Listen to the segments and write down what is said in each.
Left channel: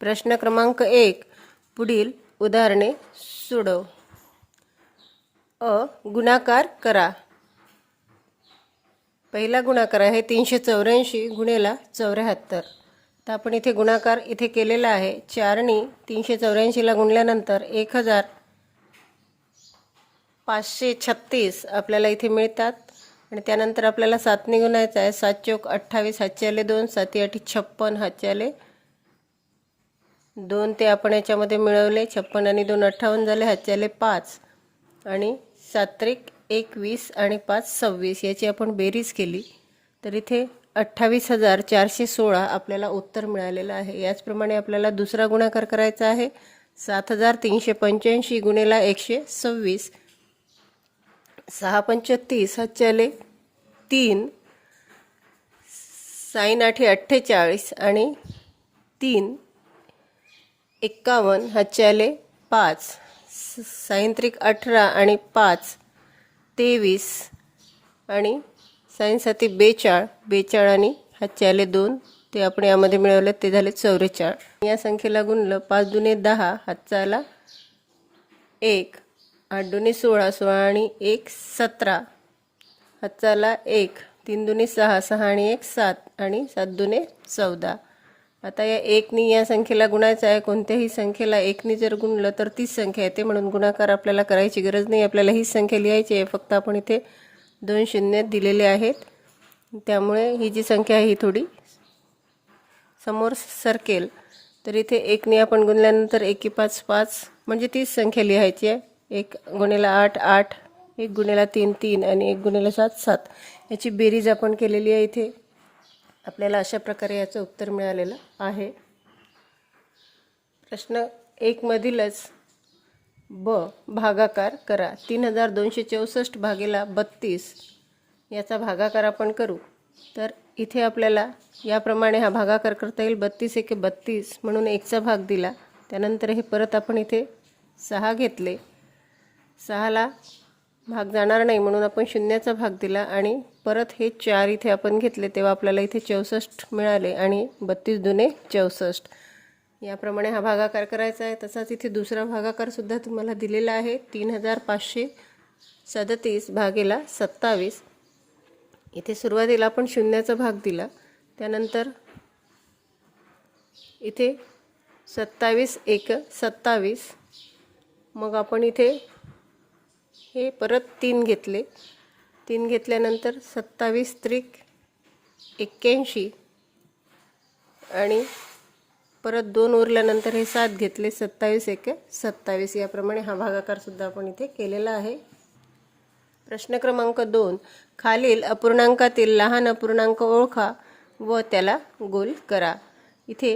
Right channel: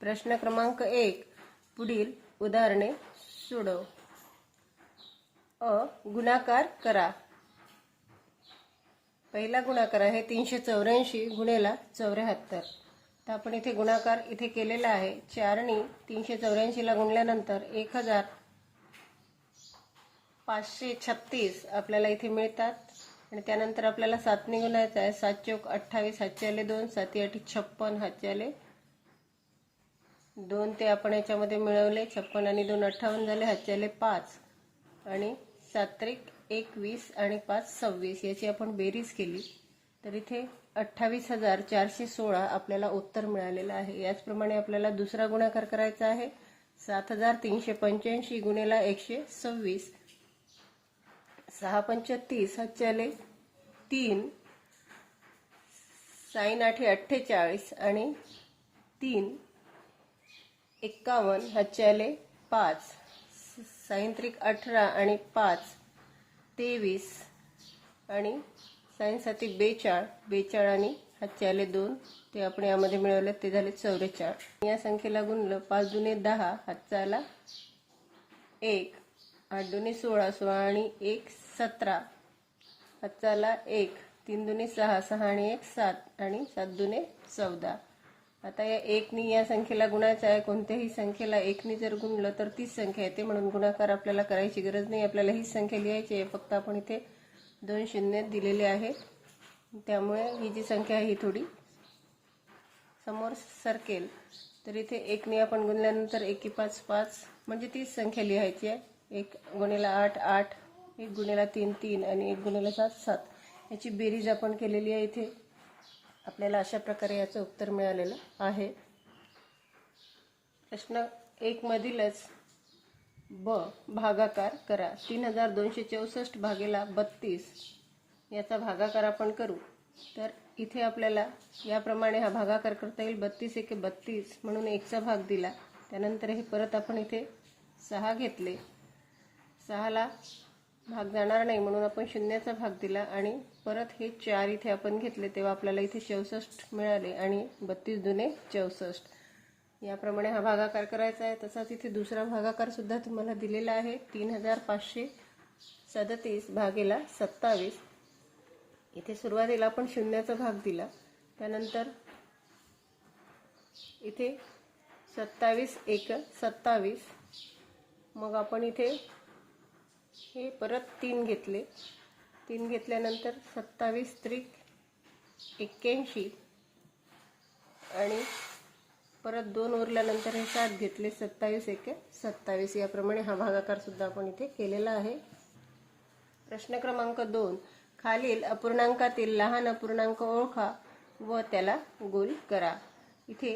प्रश्न क्रमांक एक. पुढील उदाहरणे सोडव. अ. गुणाकार करा. पहिला गुणाकार आहे तीनशे चौऱ्याऐंशी गुणेला चौऱ्याहत्तर. तर आपण इथे गुणाकार इथे केलेला आहे. चारणी तीनशे चौऱ्याऐंशीला गुणल्यानंतर एक हजार पाचशे छत्तीस आपल्याला इथे मिळतात. आणि त्यानंतर आपल्याला सातने गुणायचं आहे. सात चौक अठ्ठावीस हातचे आले दोन साती आठी छप्पन हातचे आले दोन ते आपण याच्यामध्ये मिळवले छप्पन आणि दोन अठ्ठावन्न झाले ह्याच्याले पाच. आणि सात्रिक एकवीस आणि पाच सव्वीस. याची आपण बेरीज केली. तर इथे अठ्ठावीस हजार चारशे सोळा आपल्याला उत्तर मिळालेलं आहे. याचप्रमाणे आपल्याला दुसरा गुणाकार करायचा आहे. सात हजार तीनशे पंच्याऐंशी गुणेला एकशे सव्वीस. सहा पंचतीस हातचे तीन. साईन आठे अठ्ठेचाळीस आणि तीन. एक्कावन्न हातचे पाच स- सायंत्रिक अठरा आणि पाच तेवीस आणि सायन बेचाळ बेचाळ आणि हातचे दोन ते आपण यामध्ये मिळवले ते झाले चौवेचाळ या संख्येला गुणलं पाच दुने दहा हातचा आला एक आठ दुने सोळा सोळा आणि एक सतरा. हातचा आला एक तीन दुने सहा सहा आणि एक सात आणि सात दुने चौदा. आता या एकनी या संख्येला गुणायचं आहे कोणत्याही संख्येला एकनी जर गुणलं तर तीच संख्या येते. म्हणून गुणाकार आपल्याला करायची गरज नाही. आपल्याला हीच संख्या लिहायची आहे. फक्त आपण इथे दोन शून्य दिलेले आहेत. त्यामुळे ही जी संख्या आहे ही थोडी समोर सरकेल. तर इथे एकने आपण गुणल्यानंतर एकी पाच पाच म्हणजे तीच संख्या लिहायची आहे. एक गुणेला आठ आठ. एक गुणेला तीन तीन. आणि एक गुणेला सात सात. याची बेरीज आपण केलेली आहे इथे. आपल्याला अशा प्रकारे याचं उत्तर मिळालेलं आहे. प्रश्न एकमधीलच ब भागाकार करा. तीन हजार दोनशे चौसष्ट भागेला बत्तीस. याचा भागाकार आपण करू. तर इथे आपल्याला याप्रमाणे हा भागाकार करता येईल. बत्तीस एके बत्तीस म्हणून एकचा भाग दिला. त्यानंतर हे परत आपण इथे सहा घेतले. सहाला भाग जाणार नाही म्हणून आपण शून्याचा भाग दिला आणि परत हे चार इथे आपण घेतले तेव्हा आपल्याला इथे चौसष्ट मिळाले आणि बत्तीस दुने चौसष्ट. याप्रमाणे हा भागाकार करायचा आहे. तसाच इथे दुसरा भागाकारसुद्धा तुम्हाला दिलेला आहे. तीन हजार पाचशे सदतीस भागेला सत्तावीस. इथे सुरुवातीला आपण शून्याचा भाग दिला. त्यानंतर इथे सत्तावीस एक सत्तावीस. मग आपण इथे हे परत तीन घेतले. तीन घेतल्यानंतर सत्तावीस त्रिक एक्क्याऐंशी आणि परत दोन उरल्यानंतर हे सात घेतले सत्तावीस एक. सत्तावीस याप्रमाणे हा भागाकारसुद्धा आपण इथे केलेला आहे. प्रश्न क्रमांक दोन. खालील अपूर्णांकातील लहान अपूर्णांक ओळखा व त्याला गोल करा. इथे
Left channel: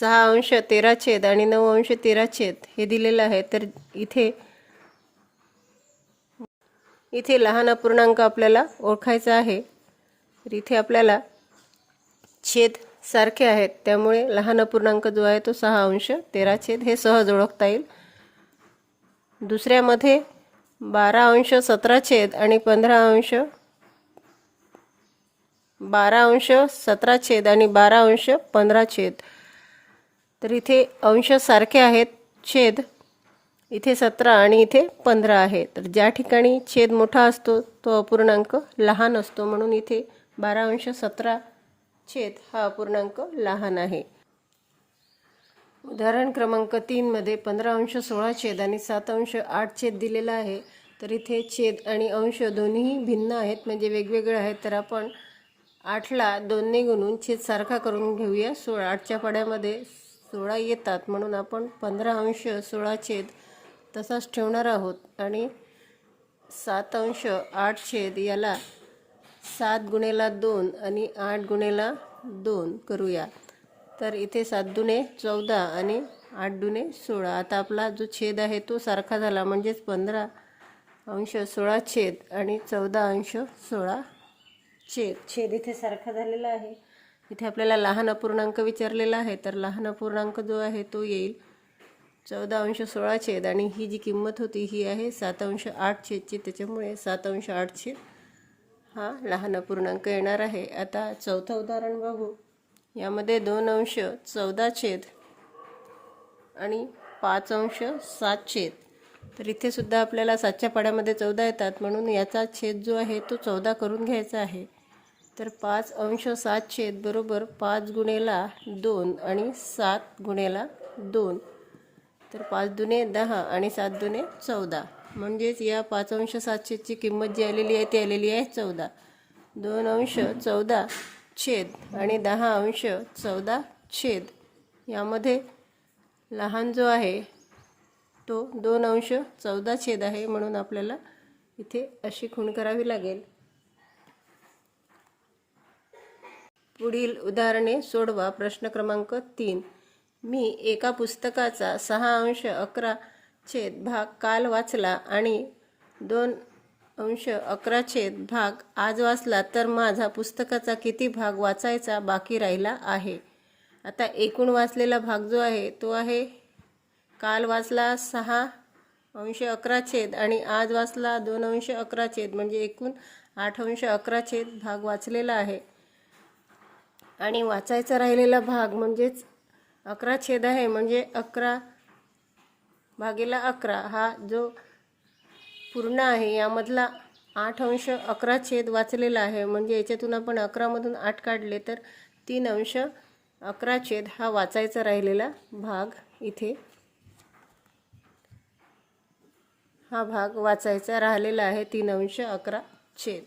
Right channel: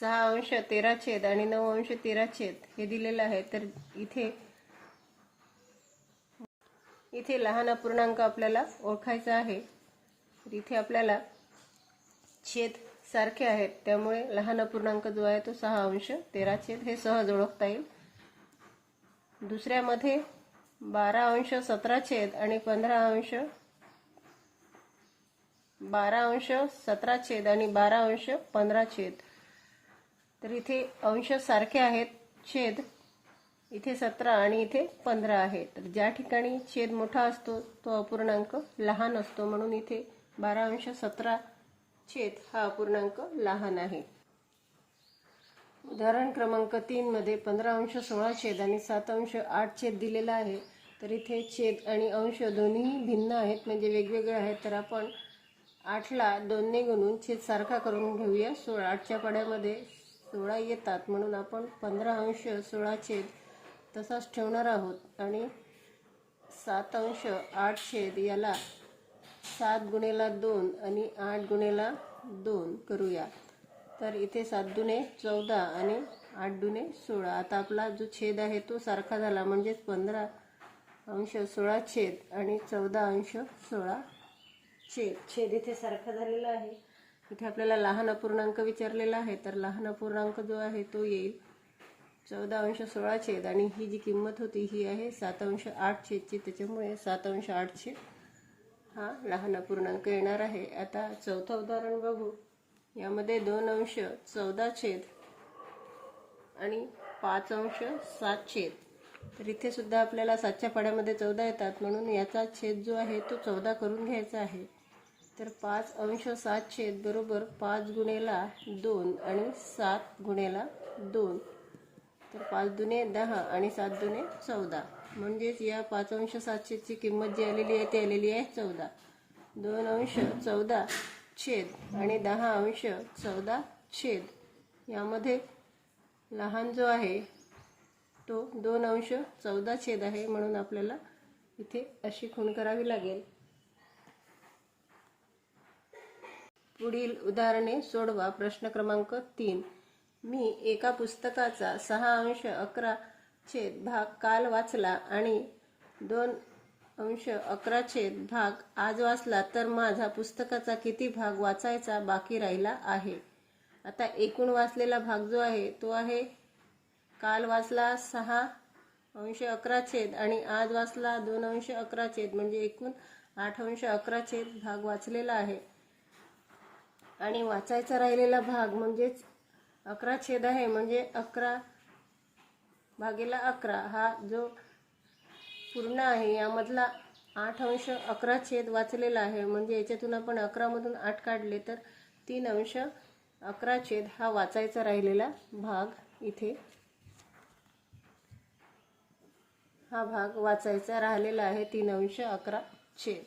सहा अंश तेरा छेद आणि नऊ अंश तेरा छेद हे दिलेलं आहे. तर इथे इथे लहान अपूर्णांक आपल्याला ओळखायचा आहे. तर इथे आपल्याला छेद सारखे आहेत. त्यामुळे लहान अपूर्णांक जो आहे तो सहा अंश तेरा छेद हे सहज ओळखता येईल. दुसऱ्यामध्ये बारा अंश सतरा छेद आणि पंधरा अंश बारा अंश सतरा छेद आणि बारा अंश पंधरा छेद. तर इथे अंश सारखे आहेत छेद इथे सतरा आणि इथे पंधरा आहे. तर ज्या ठिकाणी छेद मोठा असतो तो अपूर्णांक लहान असतो. म्हणून इथे बारा अंश सतरा छेद हा अपूर्णांक लहान आहे. उदाहरण क्रमांक तीनमध्ये पंधरा अंश सोळा छेद आणि सात अंश आठ छेद दिलेला आहे. तर इथे छेद आणि अंश दोन्हीही भिन्न आहेत म्हणजे वेगवेगळे आहेत. तर आपण आठला दोनने गुणून छेद सारखा करून घेऊया. सोळा आठच्या पाड्यामध्ये सोळा येतात. म्हणून आपण पंधरा अंश सोळा छेद तसाच ठेवणार आहोत. आणि सात अंश आठ छेद याला सात गुणेला दोन आणि आठ गुणेला दोन करूया. तर इथे सात दुणे चौदा आणि आठ दुणे सोळा. आता आपला जो छेद आहे तो सारखा झाला म्हणजेच पंधरा अंश सोळा छेद आणि चौदा अंश सोळा छेद. छेद इथे सारखा झालेला आहे. इथे आपल्याला लहान अपूर्णांक विचारलेला आहे. तर लहान अपूर्णांक जो आहे तो येईल. चौदा अंश सोळा छेद आणि ही जी किंमत होती ही आहे सात अंश आठ छेदची त्याच्यामुळे सात अंश आठ छेद हा लहान अपूर्णांक येणार आहे. आता चौथं उदाहरण बघू. यामध्ये दोन अंश चौदा छेद आणि पाच अंश सात छेद. तर इथे सुद्धा आपल्याला सातच्या पाड्यामध्ये चौदा येतात. म्हणून याचा छेद जो आहे तो चौदा करून घ्यायचा आहे. तर पाच अंश सात छेद बरोबर पाच गुणेला दोन आणि सात गुणेला दोन. तर पाच दुने दहा आणि सात दुने चौदा. म्हणजेच या पाच अंश सातशेची किंमत जी आलेली आहे ती आलेली आहे चौदा. दोन अंश चौदा छेद आणि दहा अंश चौदा छेद. यामध्ये लहान जो आहे तो दोन अंश चौदा छेद आहे म्हणून आपल्याला इथे अशी खूण करावी लागेल. पुढील उदाहरणे सोडवा प्रश्न क्रमांक तीन. मी एका पुस्तकाचा सहा अंश अकरा छेद भाग काल वाचला आणि दोन अंश अकरा छेद भाग आज वाचला तर माझा पुस्तकाचा किती भाग वाचायचा बाकी राहिला आहे? आता एकूण वाचलेला भाग जो आहे तो आहे काल वाचला सहा अंश अकरा छेद आणि आज वाचला दोन अंश अकरा छेद म्हणजे एकूण आठ अंश अकरा छेद भाग वाचलेला आहे. आणि वाचायचा राहिलेला भाग म्हणजेच अकरा छेद आहे म्हणजे अकरा भागेला अकरा. हा जो पूर्ण आहे यामधला आठ अंश अकरा छेद वाचलेला आहे. म्हणजे याच्यातून आपण अकरामधून आठ काढले तर तीन अंश अकरा छेद हा वाचायचा राहिलेला भाग इथे. हा भाग वाचायचा राहिलेला आहे तीन अंश अकरा छेद.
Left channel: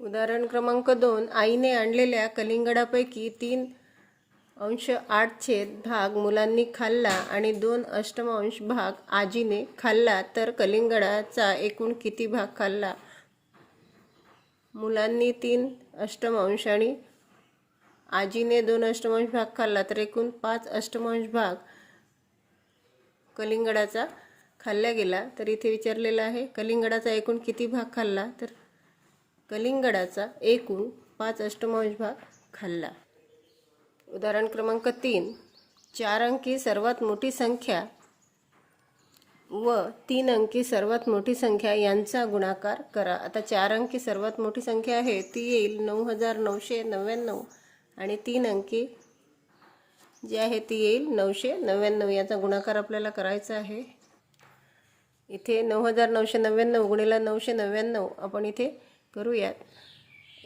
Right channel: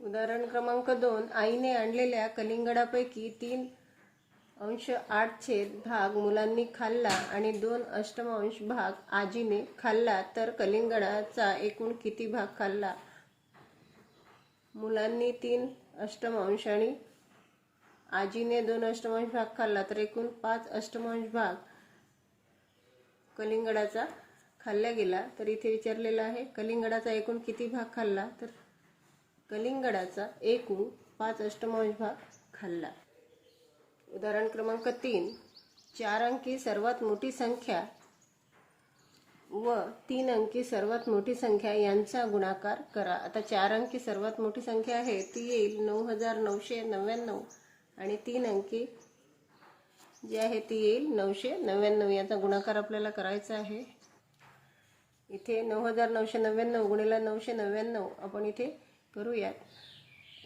उदाहरण क्रमांक दोन. आईने आणलेल्या कलिंगडापैकी तीन अंश आठ छेद भाग मुलांनी खाल्ला आणि दोन अष्टमांश भाग आजीने खाल्ला तर कलिंगडाचा एकूण किती भाग खाल्ला? मुलांनी तीन अष्टमांश आणि आजीने दोन अष्टमांश भाग खाल्ला तर एकूण पाच अष्टमांश भाग कलिंगडाचा खाल्ला गेला. तर इथे विचारलेलं आहे कलिंगडाचा एकूण किती भाग खाल्ला? तर कलिंगडाचा एकूण पाच अष्टमांश भाग खाल्ला. उदाहरण क्रमांक तीन. चार अंकी सर्वात मोठी संख्या व तीन अंकी सर्वात मोठी संख्या यांचा गुणाकार करा. आता चार अंकी सर्वात मोठी संख्या आहे ती येईल नऊ हजार नऊशे नव्याण्णव आणि तीन अंकी जी आहे ती येईल नऊशे नव्याण्णव. याचा गुणाकार आपल्याला करायचा आहे. इथे नऊ हजार नऊशे नव्याण्णव गुणिला नऊशे नव्याण्णव. आपण इथे करूयात.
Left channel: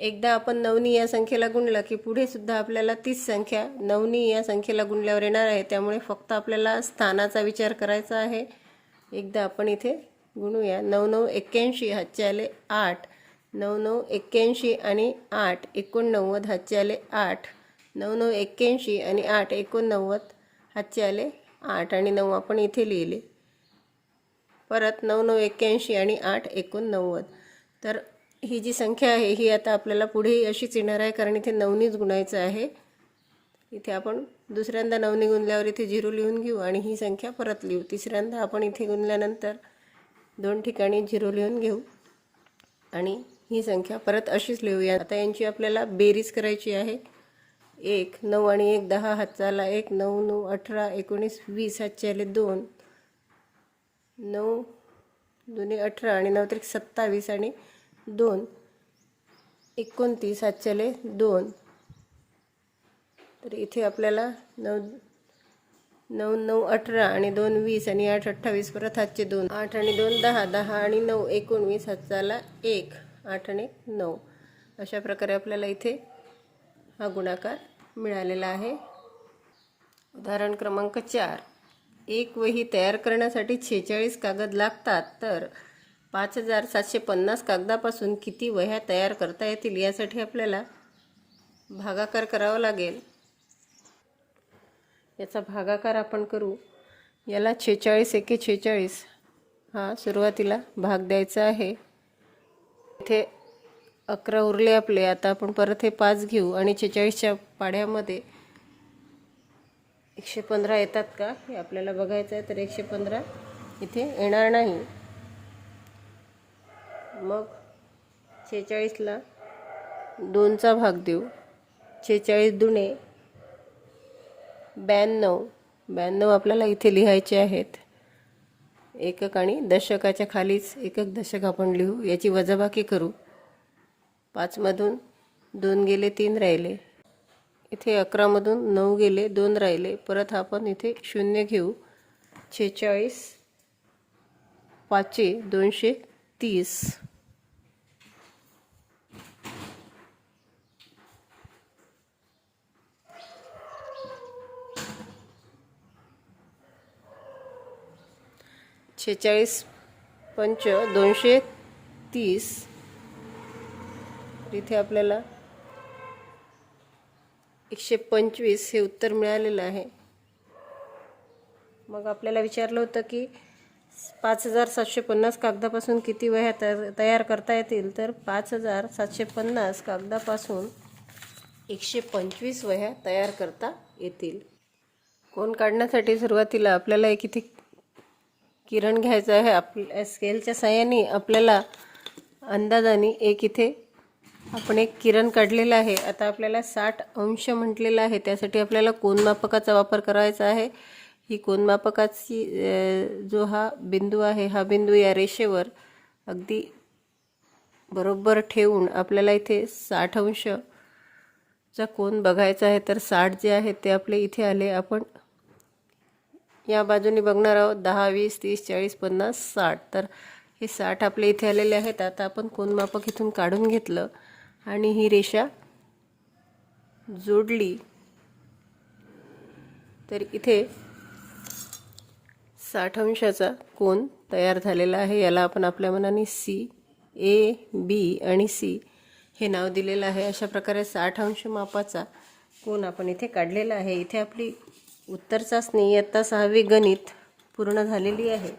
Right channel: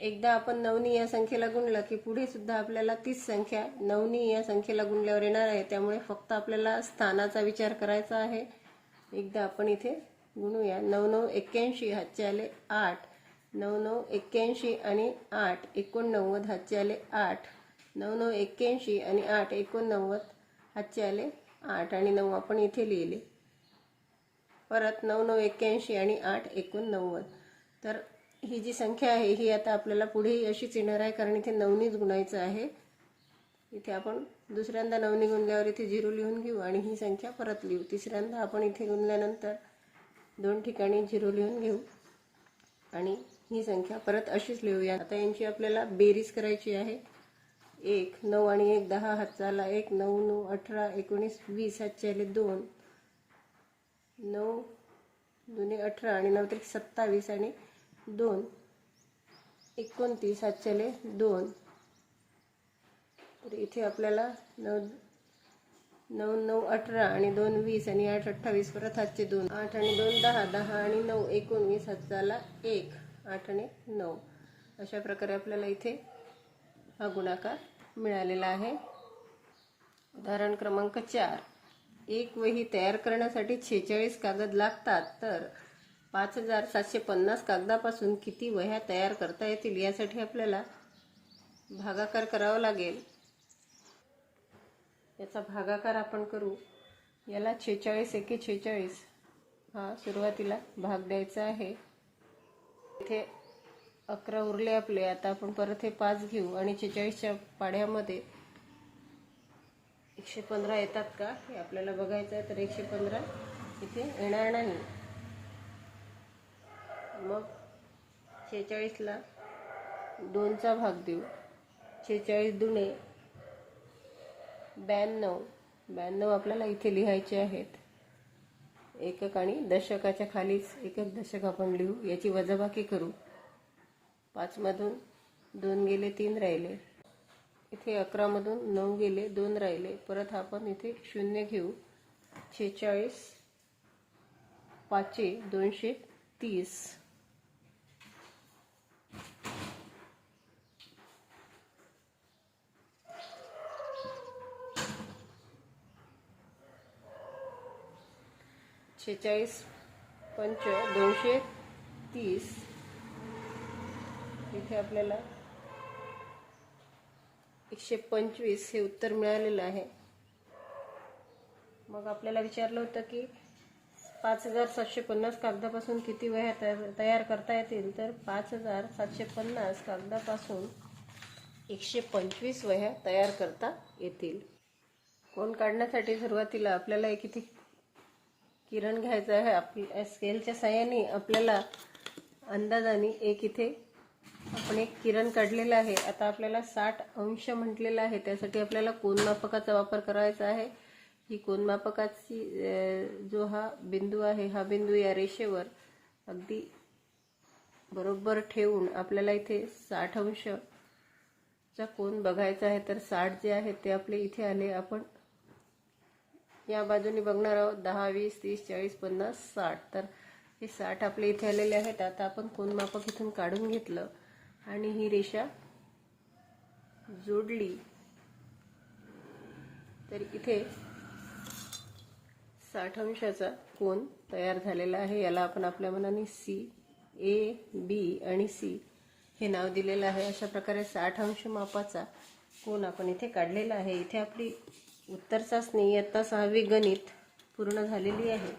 एकदा आपण नवनी या संख्येला गुणलं की पुढे सुद्धा आपल्याला तीच संख्या नवनी या संख्येला गुणल्यावर येणार आहे. त्यामुळे फक्त आपल्याला स्थानाचा विचार करायचा आहे. एकदा आपण इथे गुणूया. नऊ नऊ एक्क्याऐंशी हातचे आले आठ. नऊ नऊ एक्क्याऐंशी आणि आठ. एकोणनव्वद हातचे आले आठ. नऊ नऊ एक्क्याऐंशी आणि आठ. एकोणनव्वद हातचे आले आठ. आणि नऊ आपण इथे लिहिले. परत नऊ नऊ एक्क्याऐंशी आणि आठ. एकोणनव्वद. तर ही जी संख्या आहे ही आता आपल्याला पुढेही अशीच येणार आहे कारण इथे नवनीच गुणायचं आहे. इथे आपण दुसऱ्यांदा नवनी गुणल्यावर इथे झिरो लिहून घेऊ आणि ही संख्या परत लिहू. तिसऱ्यांदा आपण इथे गुणल्यानंतर दोन ठिकाणी झिरो लिहून घेऊ आणि ही संख्या परत अशीच लिहूया. आता यांची आपल्याला बेरीज करायची आहे. एक नऊ आणि एक दहा हातचाला एक नऊ नऊ अठरा एकोणीस वीस हातचे आले दोन. नऊ दोन्ही अठरा आणि नऊ तरी सत्तावीस आणि दोन. एकोणतीस हातच्याले दोन. तर इथे आपल्याला नऊ नऊ नऊ अठरा आणि दोन वीस आणि आठ अठ्ठावीस परत हातचे दोन. आठ आणि दोन दहा दहा आणि नऊ एकोणवीस हातचाला एक आठ आणि नऊ. अशा प्रकारे आपल्याला इथे हा गुणाकार मिळालेला आहे. उदाहरण क्रमांक चार. एक वही तयार करण्यासाठी छेचाळीस कागद लागतात. तर पाच हजार सातशे पन्नास कागदापासून किती वह्या तयार करता येतील यासाठी आपल्याला भागाकार करावा लागेल. याचा भागाकार आपण करू. याला छेचाळीस एके छेचाळीस हा सुरुवातीला भाग द्यायचा आहे. इथे अकरा उरले आपले. आता आपण परत हे पाच घेऊ आणि छेचाळीसच्या पाड्यामध्ये एकशे पंधरा येतात का हे आपल्याला बघायचं आहे तर एकशे पंधरा इथे येणार नाही. मग छेचाळीसला दोनचा भाग देऊ. छेचाळीस दुणे ब्याण्णव. ब्याण्णव आपल्याला इथे लिहायचे आहेत. एकक आणि दशकाच्या खालीच एकक दशक आपण लिहू. याची वजाबाकी करू. पाचमधून दोन गेले तीन राहिले. इथे अकरामधून नऊ गेले दोन राहिले. परत आपण इथे शून्य घेऊ. छेचाळीस पाचशे दोनशे तीस. शेहेचाळीस पंच दोनशे तीस. इथे आपल्याला एकशे पंचवीस हे उत्तर मिळालेलं आहे. मग आपल्याला विचारलं होतं की पाच हजार सातशे पन्नास कागदापासून किती वह्या तयार तयार करता येतील? तर पाच हजार सातशे पन्नास कागदापासून एकशे पंचवीस वह्या तयार करता येतील. कोण काढण्यासाठी सुरुवातीला? आपल्याला एक इथे किरण घ्यायचं आहे आप स्केलच्या साह्याने आपल्याला अंदाजाने एक इथे आपण एक किरण काढलेला आहे. आता आपल्याला साठ अंश म्हटलेलं आहे. त्यासाठी आपल्याला कोनमापकाचा वापर करायचा आहे. ही कोनमापकाची जो हा बिंदू आहे हा बिंदू या रेषेवर अगदी बरोबर ठेवून आपल्याला इथे साठ अंशचा कोन बघायचा आहे. तर साठ जे आहे ते आपले इथे आले. आपण या बाजूने बघणार आहोत दहा वीस तीस चाळीस पन्नास साठ. तर हे साठ आपले इथे आलेले आहेत. आता आपण कोनमापक इथून काढून घेतलं आणि ही रेषा जोडली. तर इथे साठ अंशाचा कोन तयार झालेला आहे. याला आपण आपल्या मनाने सी ए बी आणि सी हे नाव दिलेलं आहे. अशा प्रकारे साठ अंश मापाचा कोन आपण इथे काढलेला आहे. इथे आपली उत्तर चाचणी इयत्ता सहावी गणित पूर्ण झालेली आहे.